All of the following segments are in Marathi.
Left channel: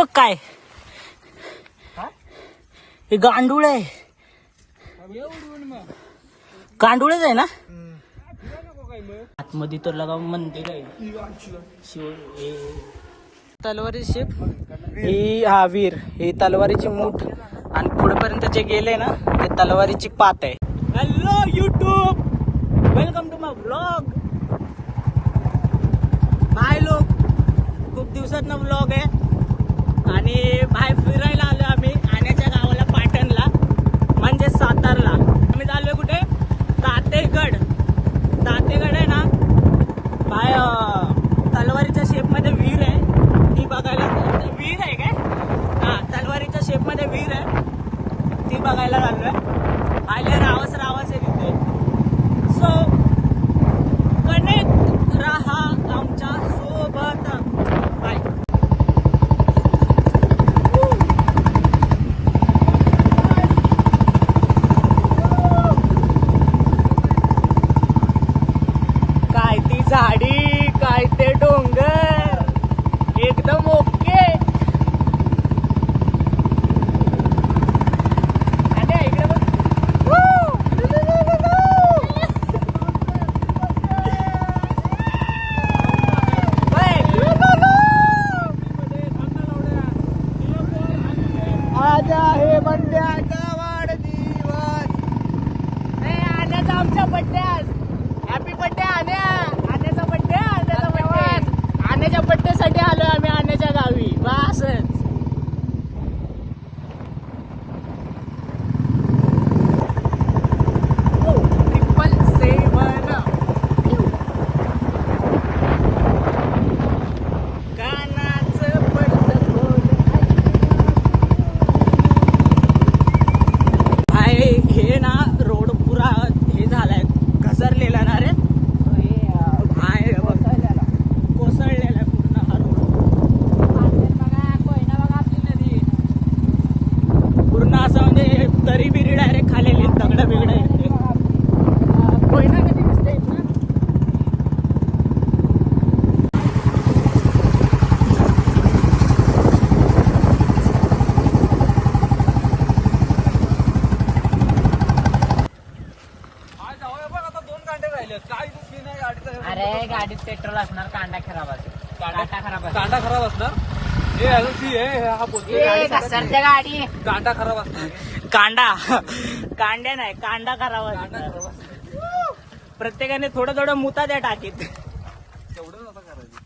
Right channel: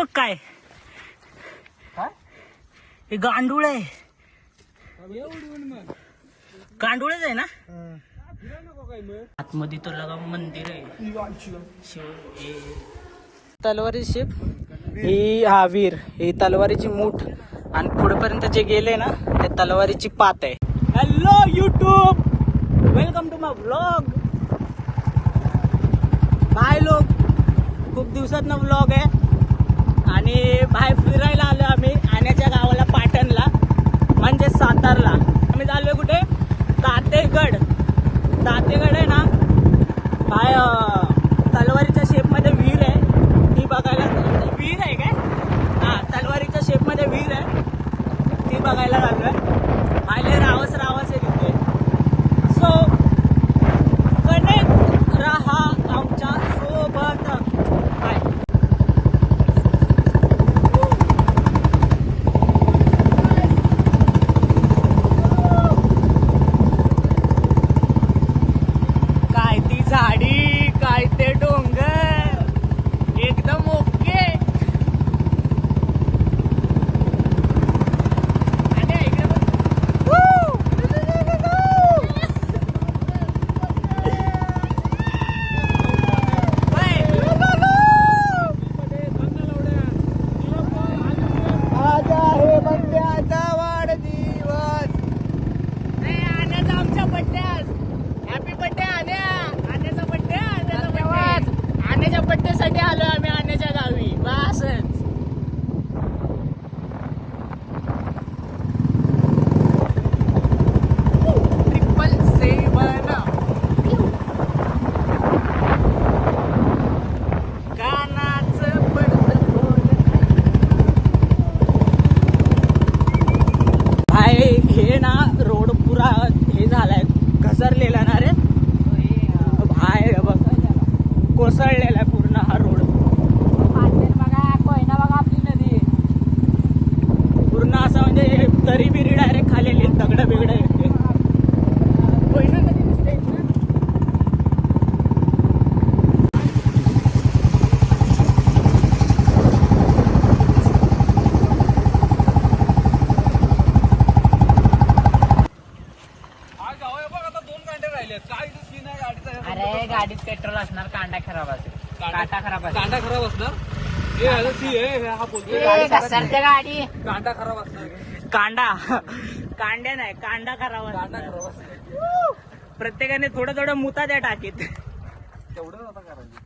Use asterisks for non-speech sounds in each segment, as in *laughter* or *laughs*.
बघ काय? हे? गांडूळ आहे. गांडूळच आहे ना? आतमध्ये तर लगा मंदिर आहे. तलवारी शिप ही हा वीर ही तलवारीची मूठ. आणि पुढेपर्यंत जे गेले ना ते तलवारीची पात आहे. Hello YouTube welcome to my blog bye लोक. खूप दिवसात ना ब्लॉग आहे. आणि बाहेर फिरायला आलो आम्ही आण्याच्या गावाला पाटणला म्हणजे सातारला आम्ही चाललोय कुठे तातेगड तातेगड आहे ना काय अं, तलवारीच्या शेपमध्ये विहीर आहे ती बघायला विहीर आहे काय हा तलवारीच्या शेपमध्ये विहीर आहे ती बघायला चाललोय आले रावस रावस आहे तिथे सो कनेक्ट राहा आमच्यासोबत बाय काय ती झाडी काय ते डोंगर एकदम ओके आमच्या बड्ड्यात हॅपी बड्डे आण्या आण्याचा बड्डे आण्याचा आण्याच्या बड्डे साठी आलोय आम्ही आण्याच्या गावी बसच ट्रिपल सेवन कानाचं पंढरपूर. भाई हे ना रोड पुरा हे झालाय घसरलेला ना रे भाई हे बघ कोसळलेला आहे पूर्ण हा रोड पूर्ण असं म्हणजे तरी बिरी डायरेक्ट खालेली दगड बिगड येते कोयना नदी दिसते इथून. अरे गाडीत पेट्रोल असणार कांदा खराब असेल. कांदा खराब असेल. कांदा खराब असणार? गाडी. कांदा खराब असणार. कांदा. कांड्या नाही कांदा खराब असणार. प्रत्येकाने थोडं थोडं मुता द्या टाकीत. तेवढं आता करायचं.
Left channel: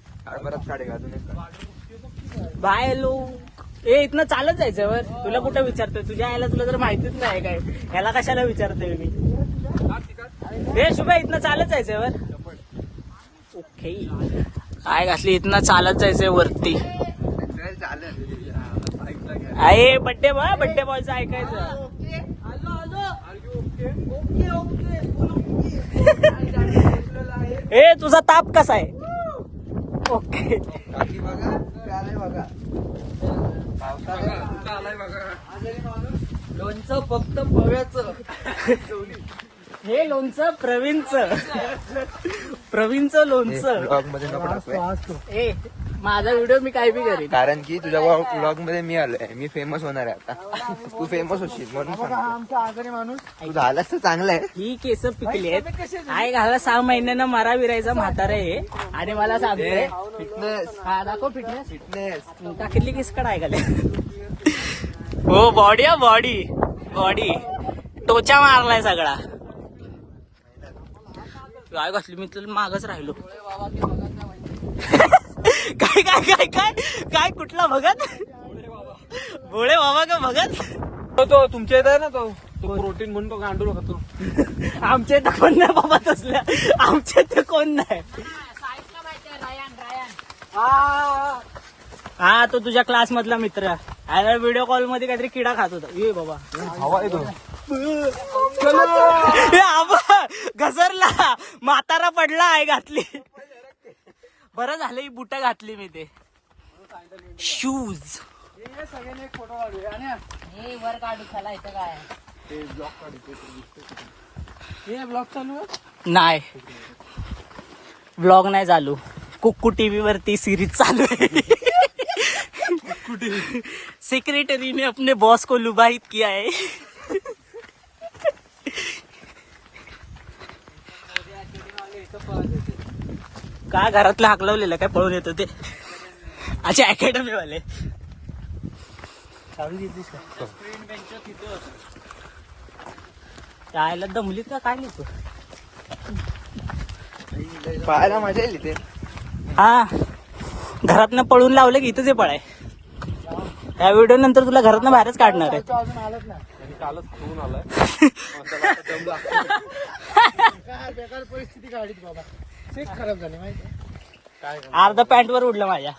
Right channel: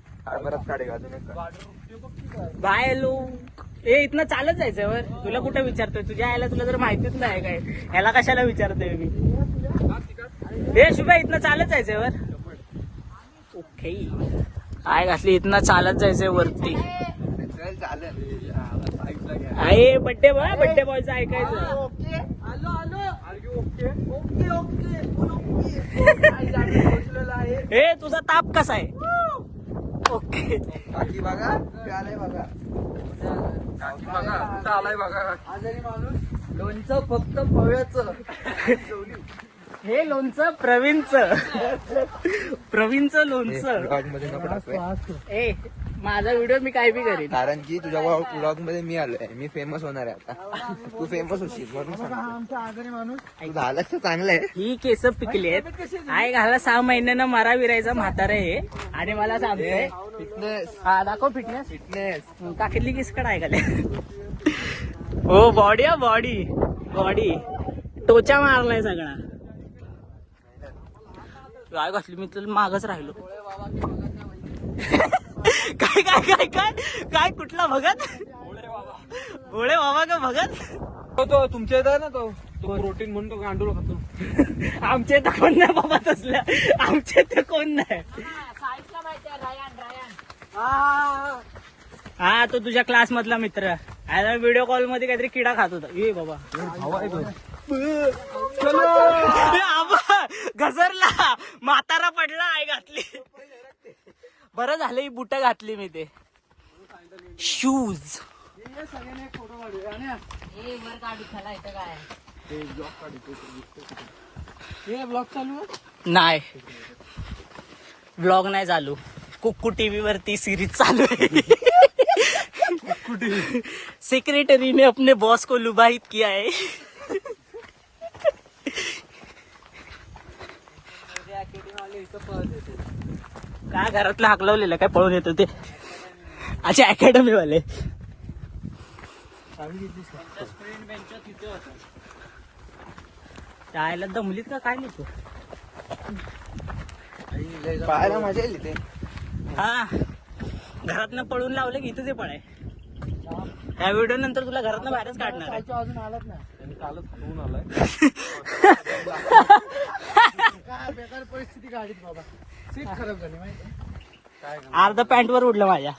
बाय लोक ए इथनं चालत जायचं वर. तुला कुठं विचारतोय? तुझ्या आईला तुला जर माहितीच नाही काय. ह्याला कशाला विचारतोय मी? ए शुभा इथनं चालत जायचंय वर. ओके. काय घातली? इथनं चालत जायचंय वरती. आहे बड्डे बॉय बड्डे बॉयचं ऐकायचं. *laughs* ए तुझा ताप कसा आहे? ओके. काकी बघा आलाय बघा बघा कुठं आलाय बघा. लोणचं फक्त पव्याचं हे लोणचं प्रवीणचं. प्रवीणचं लोणचं. ए माझा व्हिडिओ मी काय बी करीन. कारण की तुझ्या ब्लॉगमध्ये मी आलोय. मी फेमस होणार आहे आता. तू फेमस होशील म्हणून सांगतो. तू झालंस तर चांगलं आहे. ही केस पिकली आहेत. आई घाला सहा महिन्यानं मारा विरायचा म्हातारा आहे. आणि मला सांगतोय फिटनेस हा दाखव फिटनेस फिटनेस काकीतली केस कडा ऐकाले हो बॉडी हा बॉडी बॉडी टोचा मारलाय सगळा. काय घातली मी तर मागच राहिलो. काय काय काय काय? काय कुठला भगत? भोळे बाबा का भगत? तो तुमच्या इथे आहे ना तो प्रोटीन म्हणून तो गांडूळ खातो. आमचे तर कोण नाही बाबा तसल्या. आमचे तर कोण नाही. हा तो तुझ्या क्लास मधला मित्र. आयला व्हिडिओ कॉलमध्ये काहीतरी किडा खात होता. ये बाबा. घसरला. म्हातारा पडला आहे घातली. बरं झालं ही बुट घातली मी ते. शूज ब्लॉग चालू आहे? नाही. ब्लॉग नाही चालू. कुक्कू टीव्ही वरती सिरीज चालू आहे. सेक्रेटरी ने अपने बॉस को लुभाईत किया है काय घरातलं हाकलवलेलं काय पळून येत ते? अच्छा अकॅडमी वाले. त्याला दमलीत का? काय नाही तू पाहायला मजा येईल इथे. हा. घरातनं पळून लावलं की इथंच हे पळाय. या व्हिडिओ नंतर तुला घरातनं बाहेरच काढणार आहे. अजून आलंच नाही काय बेकार परिस्थिती गाडीत बाबा. सीट खराब झाली माहिती काय अर्धा पॅन्ट वर उडलं माझ्या.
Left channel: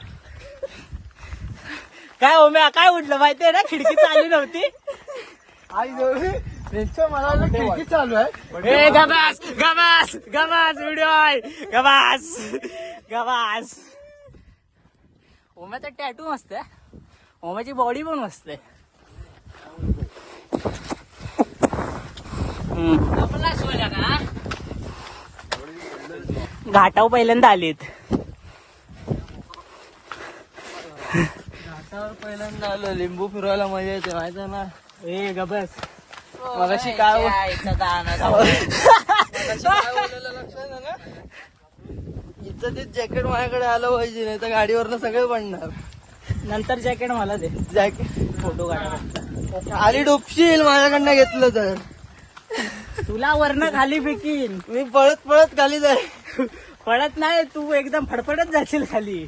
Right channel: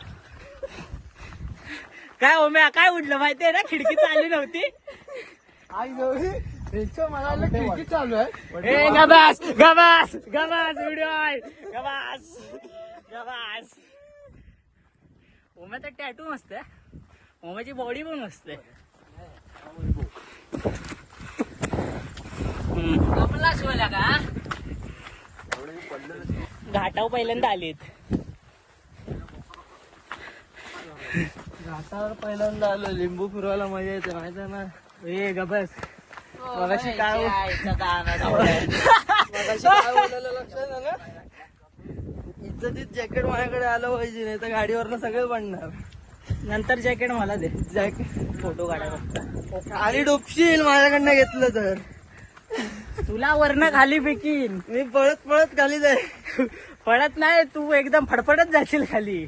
काय ओम्या काय उडलं माहितीये ना? खिडकी चालली नव्हती. आई त्यांच्या वाटलं खिडकी चालू आहे. ए गबास गबास गबास व्हिडिओ आहे. गबास गबास. ओम्याचा टॅटू मस्त आहे. ओम्याची बॉडी पण मस्त आहे. आपला शिवायला का घाटाव पहिल्यांदा आलीत. घाटावर पहिल्यांदा आलो लिंबू फिरवायला मजा येते माहिती ना? ए गबस *laughs* मगाशी काय इथं ते जॅकेट माझ्याकडे आलं पाहिजे नाही तर गाडीवरनं सगळे पडणार. नंतर जॅकेट मला दे. जॅकेट. फोटो काढा फक्त आणि डुपशील माझ्याकडनं घेतलं तर. तुला वरनं खाली फेकीन. मी पळत पळत खाली जाईल. पडत नाही तू एकदम फडफडत जाशील खाली.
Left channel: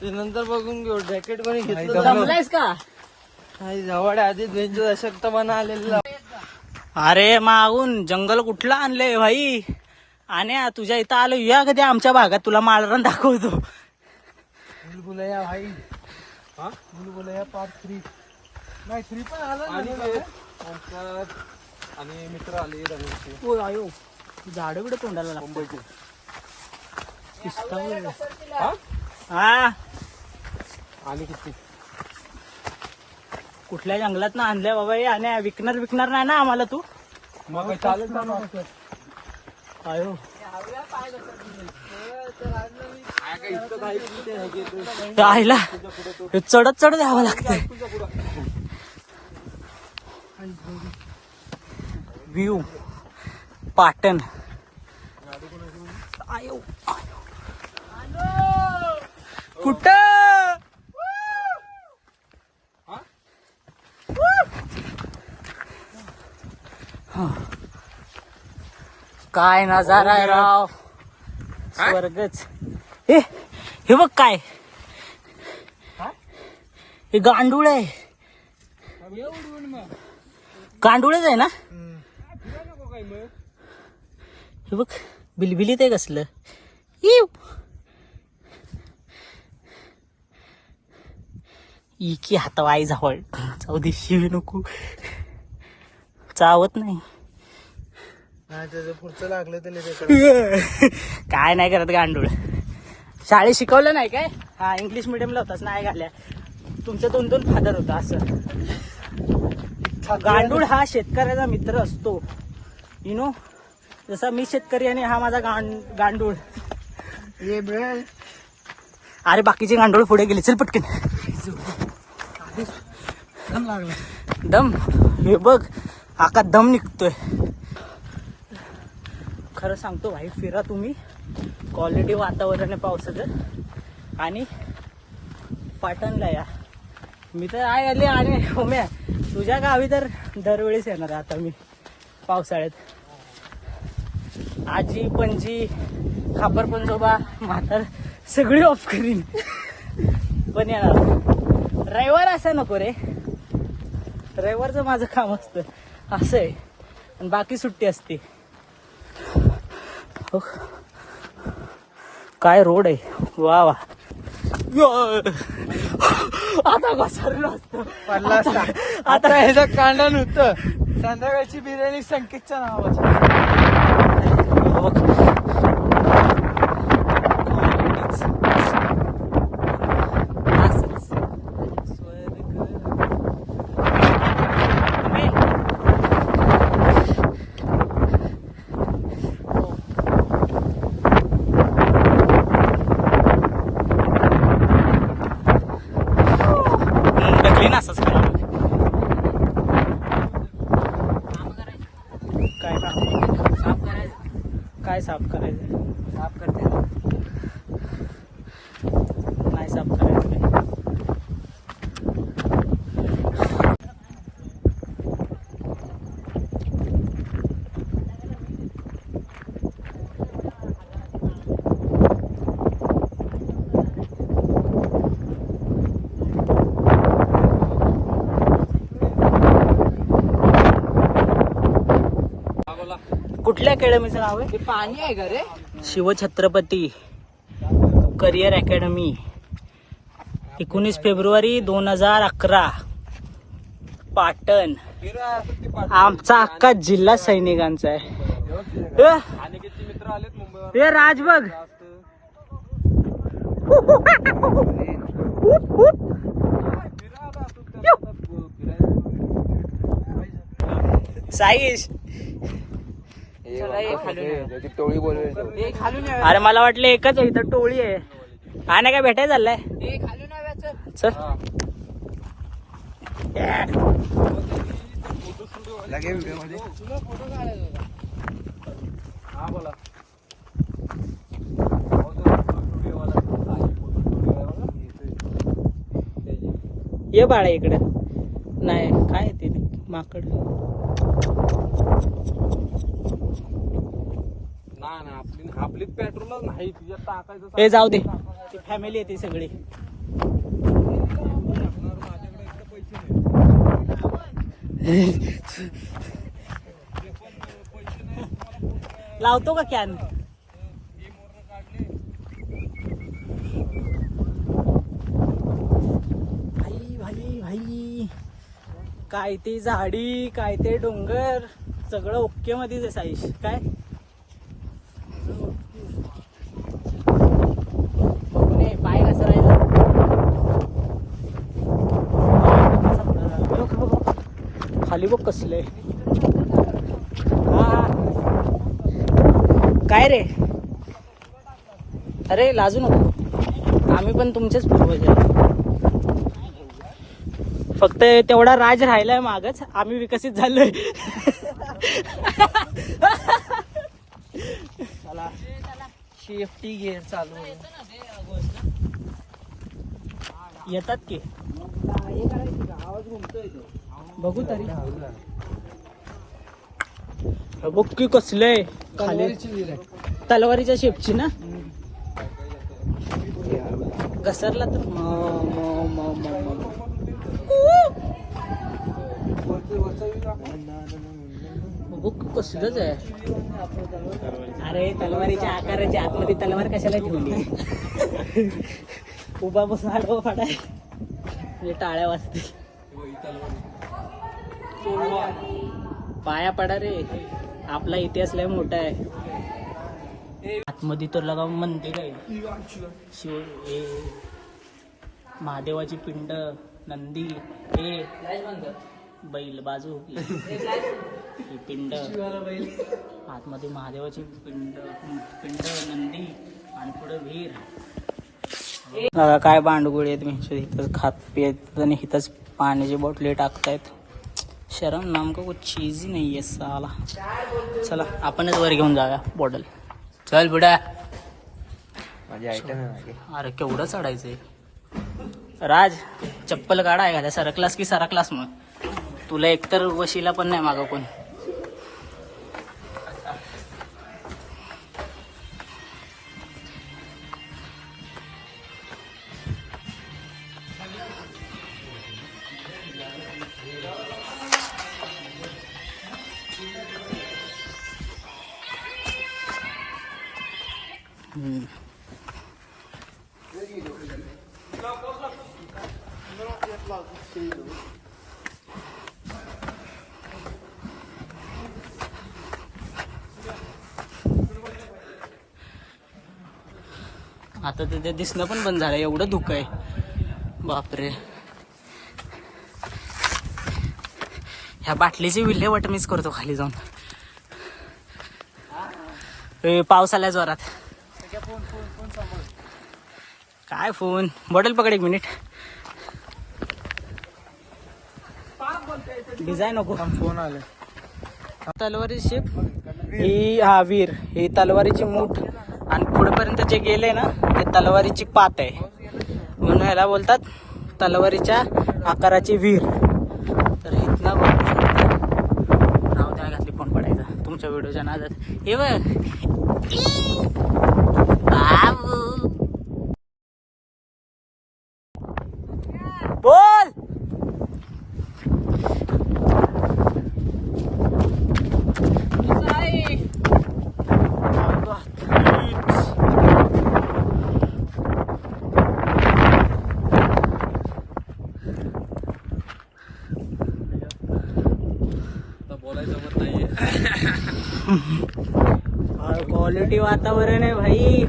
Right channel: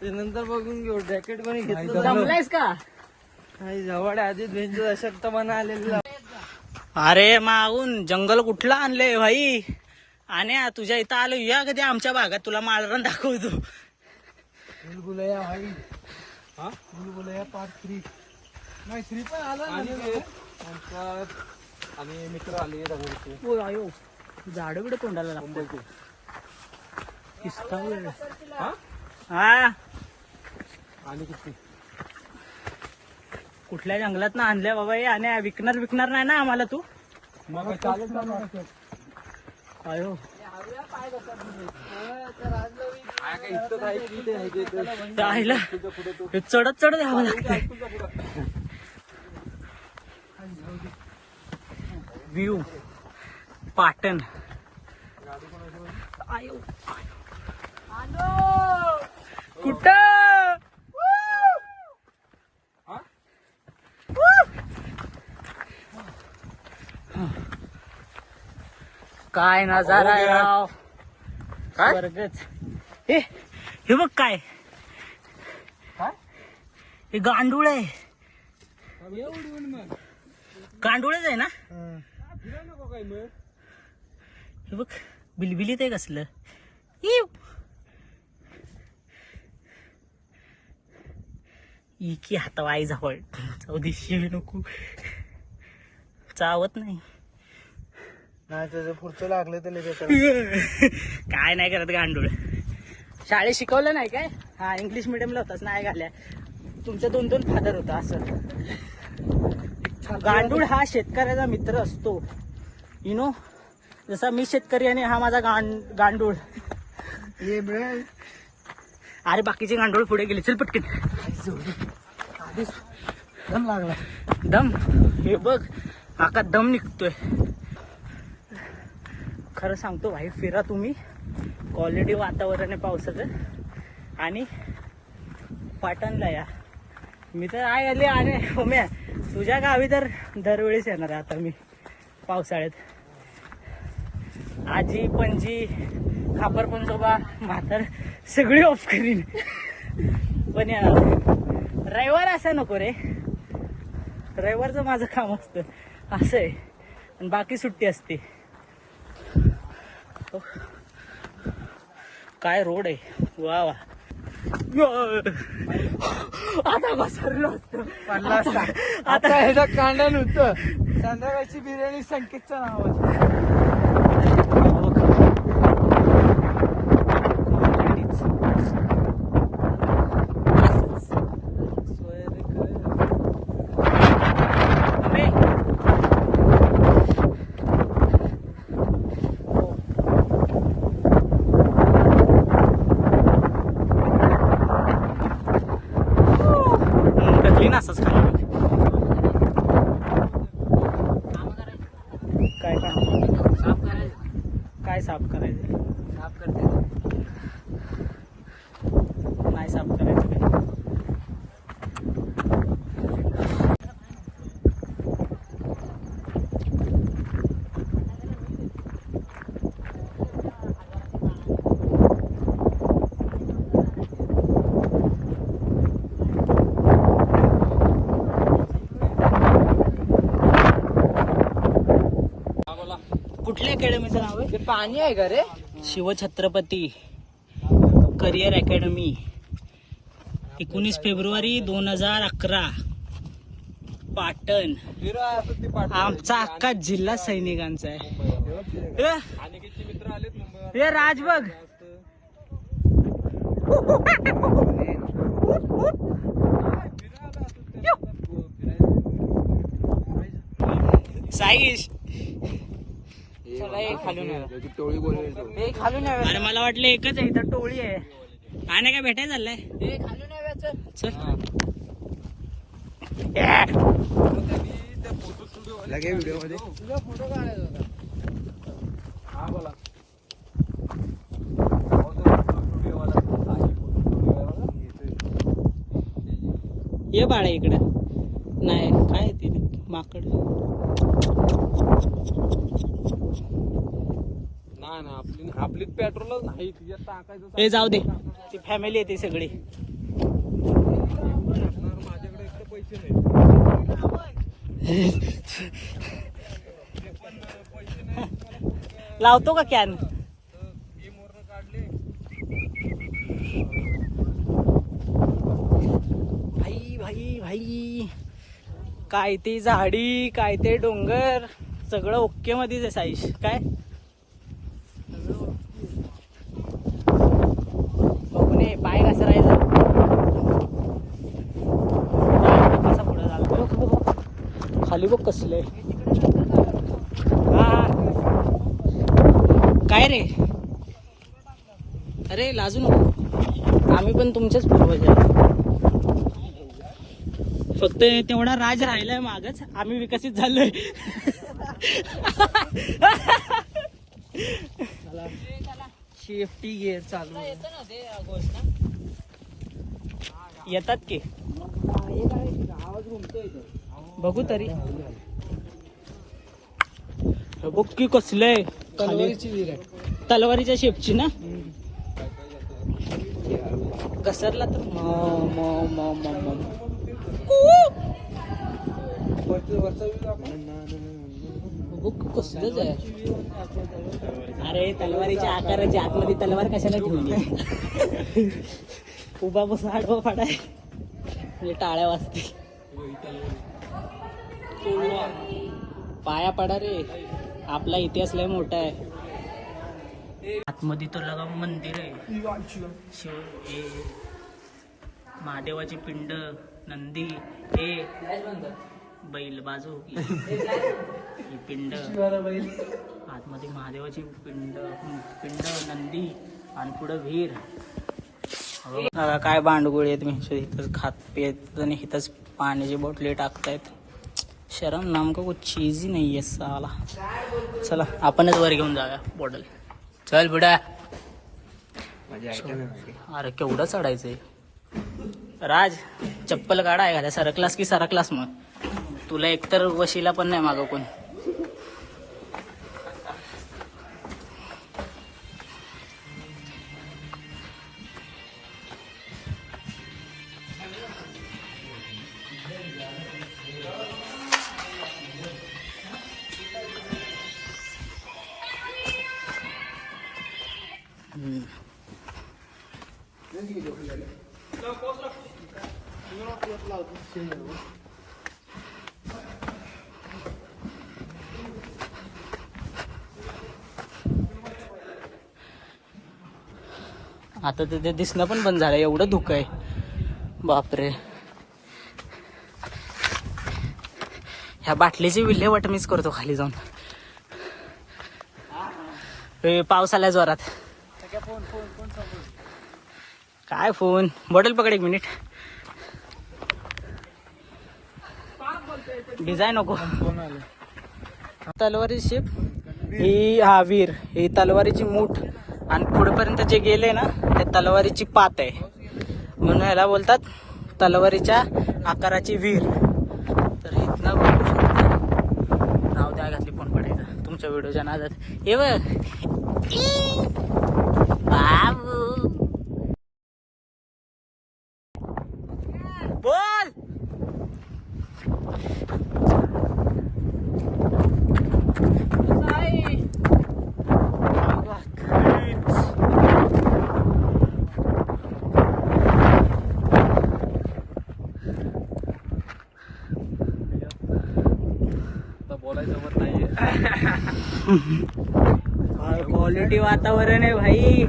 ते नंतर बघून घेऊ. जॅकेट कोणी घेतलं जमलायस का? नाही, जवळ आधी रेंज अशक्तपणा आलेला. अरे मागून जंगल कुठलं आणलंय भाई? आणि तुझ्या इथं आलो या कधी आमच्या भागात. तुला मालरण दाखवतो. बुलबुलया भाई हा? बुलबुलया पार्ट थ्री नाही थ्री पण आला आणि मित्र आले ओ आयो झाड बिड तोंडाला लागतो हा? आणि किती? कुठल्या जंगलात ना आणलंय बाबा हे आणि विकणार विकणार नाही ना आम्हाला तू? मग चालत आयो ते आईला हे चढत चढत यावं लागतंय. व्ह्यू पाटण आयो. कुठं काय नजारा आहे राव. स्वर्गच. हे हे बघ काय. हे गांडूळ आहे. गांडूळच आहे ना? हे बघ बिलबिलीत आहे कसलं? इव. इकी हातवाई जावळ. जाऊ दे शिवी नको. चावत नाही. पुढचं लागलं ते लगेच. काय नाही करत गांडूळ. शाळेत शिकवलं नाही काय? हा इंग्लिश मिडियमला होताच नाही घाल्या तुमच्या दोन दोन फादर होता असं. गांडूळ हा शेतकऱ्याचा मित्र असतो. यु नो जसा मी शेतकरी आणि हा माझा गांड गांडूळ. अरे बाकीचे गांडूळ पुढे गेले. चल पटकन. दम लागला. दम? हे बघ आका दम निघतोय. खरं सांगतो भाई फिरा तुम्ही. क्वालिटी वातावरण आहे पावसाचं. आणि पाटणला या. मी तर आहे आले आणि होम्या तुझ्या गावी तर दरवेळेस येणार आता मी. पावसाळ्यात. आजी पणजी खापर पंजोबा म्हातार सगळी ऑफ करीन. पण रविवार असा नको रे. रविवारचं माझं काम असतं. असं आहे. आणि बाकी सुट्टी असते. काय रोड आहे? वा वा. आता घसरलो असतो. आता कांदा नव्हतं संध्याकाळची बिर्याणी संकेतच्या नावाची. Look. नाही साफ करायचं. साफ करते. नाही साफ करायचं. कुठल्या अकॅडमीचं नाव आहे? ते पाणी आहे का रे? Shivchhatrapati career academy. एकोणीस फेब्रुवारी दोन हजार अकरा. पाटण. आमचा अख्खा जिल्हा सैनिकांचा आहे. ए, आणि किती मित्र आलेत मुंबईवर? ए राज बघ. साईश. टोळी बोलवेल अरे मला वाटलं एकच आहे इथं टोळी आहे. हा नाही काय भेटाय चाललंय? चल लगे व्हिडिओमध्ये हा. बोला. ये बाळा इकडं. नाही काय ते? माकड. नाही ना आपली आपलीच पेट्रोलच नाही तिच्यात टाकायचं हे जाऊ दे. ती फॅमिली येते सगळी. माझ्याकडे इकडे पैसे नाही लावतो का कॅन भाई भाई भाई. काय ते झाडी काय ते डोंगर सगळं ओके मध्येच आहे साईश. काय? बघून पाय कसं राहिलं. खाली बघ कसले हा. काय रे? अरे लाजू नको. आम्ही पण तुमचेच पूर्वज आहे. फक्त तेवढा राज राहिलाय मागच. आम्ही विकसित झालोय. *laughs* सेफ्टी गिअर चालू आहे. येतात की? बघू तरी. बघ की कसले. खाली. तलवारीच्या शेपची ना? घसरला तर कसलंच आहे अरे तलवारीच्या आकाराच्या आतमध्ये तलवार कशाला ठेवली? *laughs* उभा बसून आडवा फाडाय म्हणजे टाळ्या वाजते. पाया पडा रे. आपला इतिहास लय मोठा आहे. आतमध्ये तर लगा मंदिर आहे. शिव महादेवाची पिंड. नंदी हे बैल बाजू पिंड. आतमध्ये महादेवाची पिंड पिंड नंदी आणि पुढं वीर. बघा काय बांडगुळ आहेत मी इथंच खात पित आणि इथंच पाण्याची बॉटली टाकतायत. शरम नाम का कुछ चीज ही नाही आहे साला. चला आपणच वर घेऊन जाऊया बॉटल चल बुडा. अरे केवढं चढायचंय? राज चप्पल काढा एखाद्या सरकलास की सरकलास मग? तुला एकतर वशीला पण नाही मागं कोण. आता तिथे ते दिसणं पण बंद झालं एवढं धुकं आहे. बापरे. ह्या बाटलीची विल्हेवाट मीच करतो खाली जाऊन. ए, पाऊस आला जोरात. काय फोन? बॉटल पकड एक मिनिट. भिजाय नको. आले तलवारी शिप ही हा वीर ही तलवारीची मूठ. आणि पुढेपर्यंत जे गेले ना ते तलवारीची पात आहे. म्हणून ह्याला बोलतात तलवारीच्या आकाराची वीर. तर इथला राव राहू द्या घातली फोन पडायचा? तुमच्या व्हिडिओच्या नादात. हे बाबू. बोल! क्वालिटी वातावरण आहे भाई.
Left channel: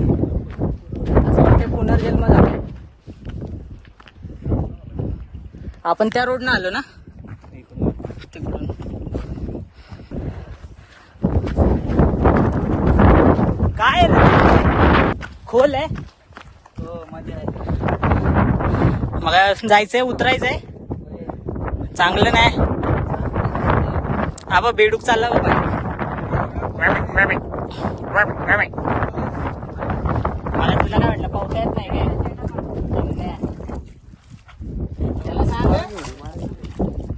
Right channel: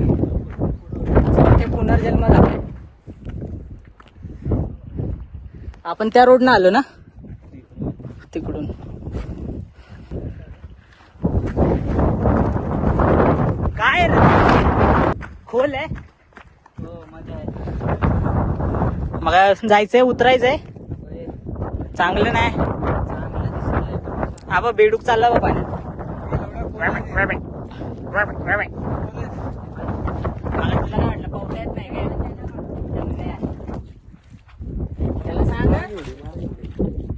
पुनर्जन्म झाला आपण त्या रोडनं आलो ना? काय आहे? खोल आहे. मग जायचंय उतरायचंय. चांगलं नाही. आबा बेडूक चालला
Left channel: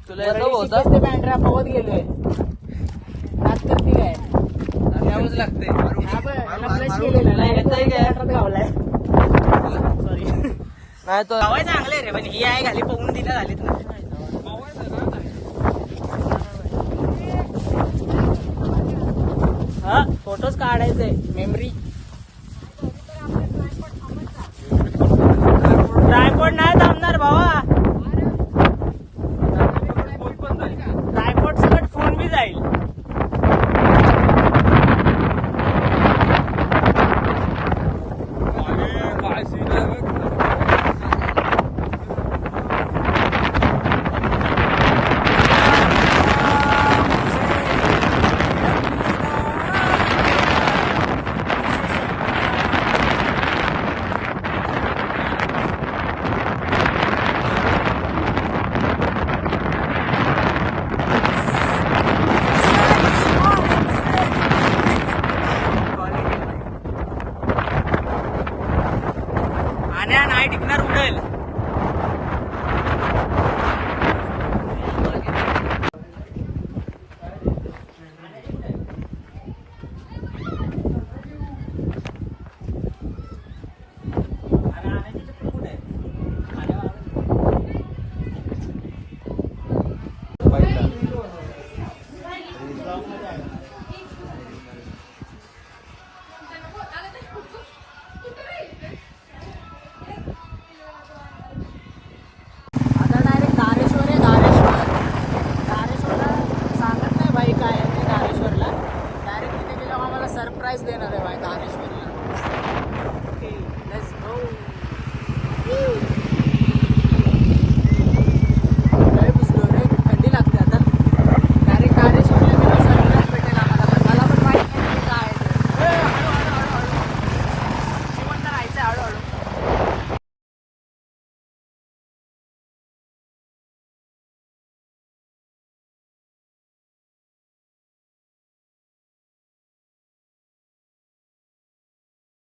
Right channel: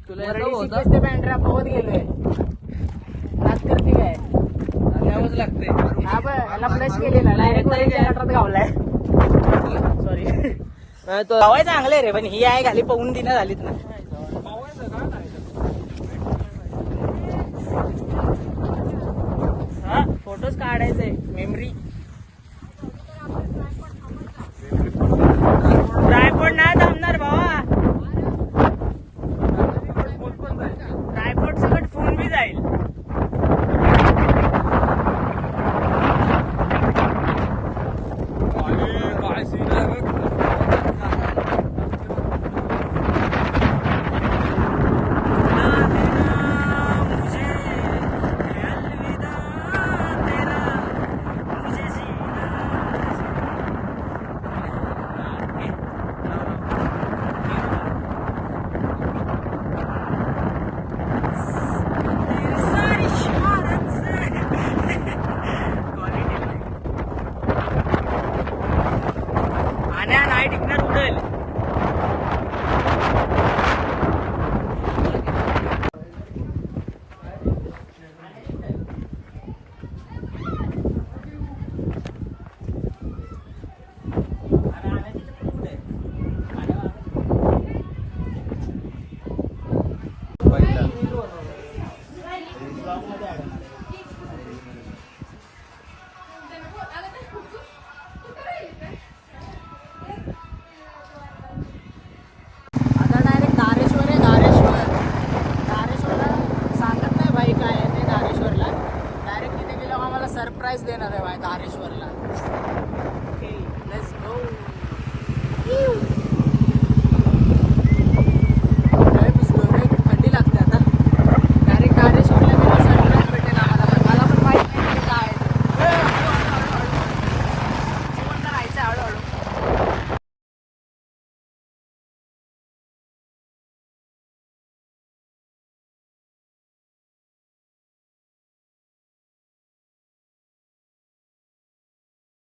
तुला बँड्रा पवत गेलोय. नाच करते काय? हा याला केलेला. गावलाय. Sorry. गावाला चांगले रे पण ही आहे घाली पवून दिल्या झाली हा फोटोज काढायचे मेमरी ट्रायपॉड नाही थांबणार भावा